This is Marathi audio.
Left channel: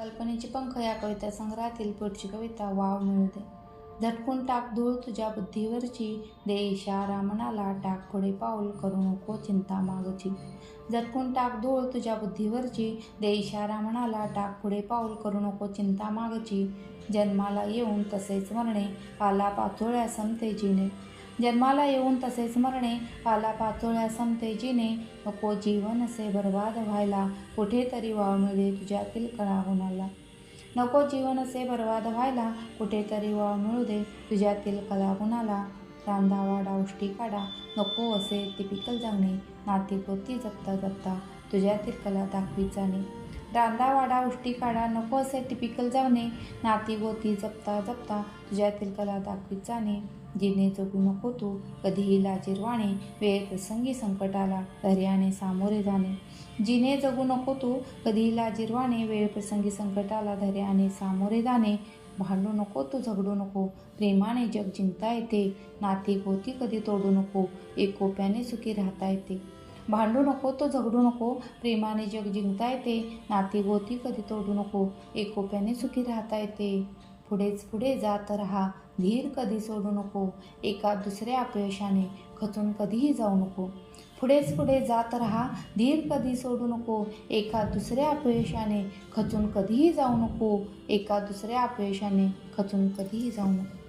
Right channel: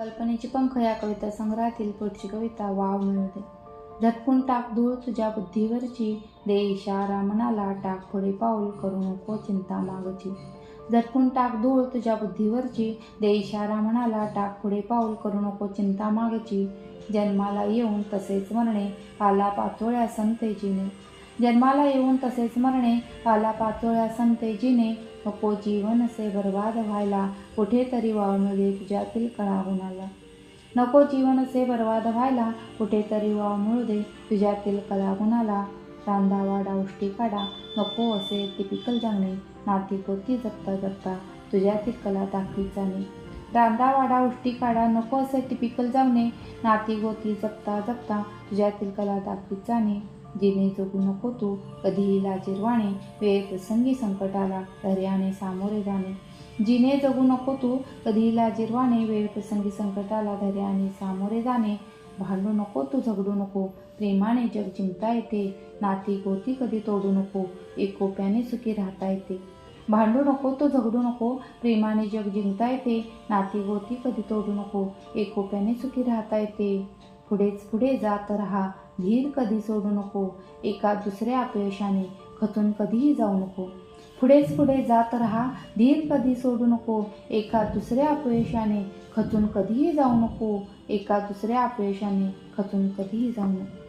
कल्पनेची पंख या कविता संग्रहातील पुढची कविता वाव मिळते झटकून टाक धूळ तुझ्या बुद्धीवरची दे इशारा मनाला टाक पुढे पाऊल करू नको चिंता मागची. झटकून टाक धूळ तुझ्या बुद्धीवरची दे इशारा मनाला टाक पुढे पाऊल करू नको चिंता मागची. जन्माला येऊन तसेच मरणे आला पाचोळ्या संते जिने जन्माला येऊन तसेच मरणे आला पाचोळ्या संते जिने नको जीवन असे बर्बाद व्हायला कुठेतरी वाव मिळे तुझ्यातील कळा गुणाला नको जीवन असे बर्बाद व्हायला कुठेतरी वाव मिळू दे तुझ्यातील कला गुणाला रांदा वाडा उष्टी काढा नको असे टिपिकल जाणे नाती गोती जपता जपता तुझ्यातील कला दाखवी जाणे. रांदा वाडा उष्टी काढा नको असे टिपिकल जावणे नाती गोती जपता जपता तुझ्यातील कला दाखवीत जाणे. जिने जगू नको तू. कधीही लाजिरवाणे वेळप्रसंगी संकटाला धैर्याने सामोरे जाणे. जिने जगू नको तू. कधीही लाजिरवाणे वेळप्रसंगी संकटाला धैर्याने सामोरे जाणे. भांडू नको तू झगडू नको. प्रेमाने जग जिंकता येते. नाती गोती कधी तोडू नको. एकोप्याने सुखी राहता येते. भांडू नको तो झगडू नको. प्रेमाने जग जिंकता येते. नाती गोती कधी तोडू नको. एकोप्याने सुखी राहता येते. पुढेच पुढे जात राहा. धीर कधी सोडू नको. एका दुसऱ्या अपयशाने खचून कधीही जाऊ नको. पुढेच पुढे जात राहा. धीर कधी सोडू नको. एका दुसऱ्या अपयशाने खचून कधीही जाऊ नको. एका दुसऱ्या अपयशाने खचून कधीही जाऊ नको.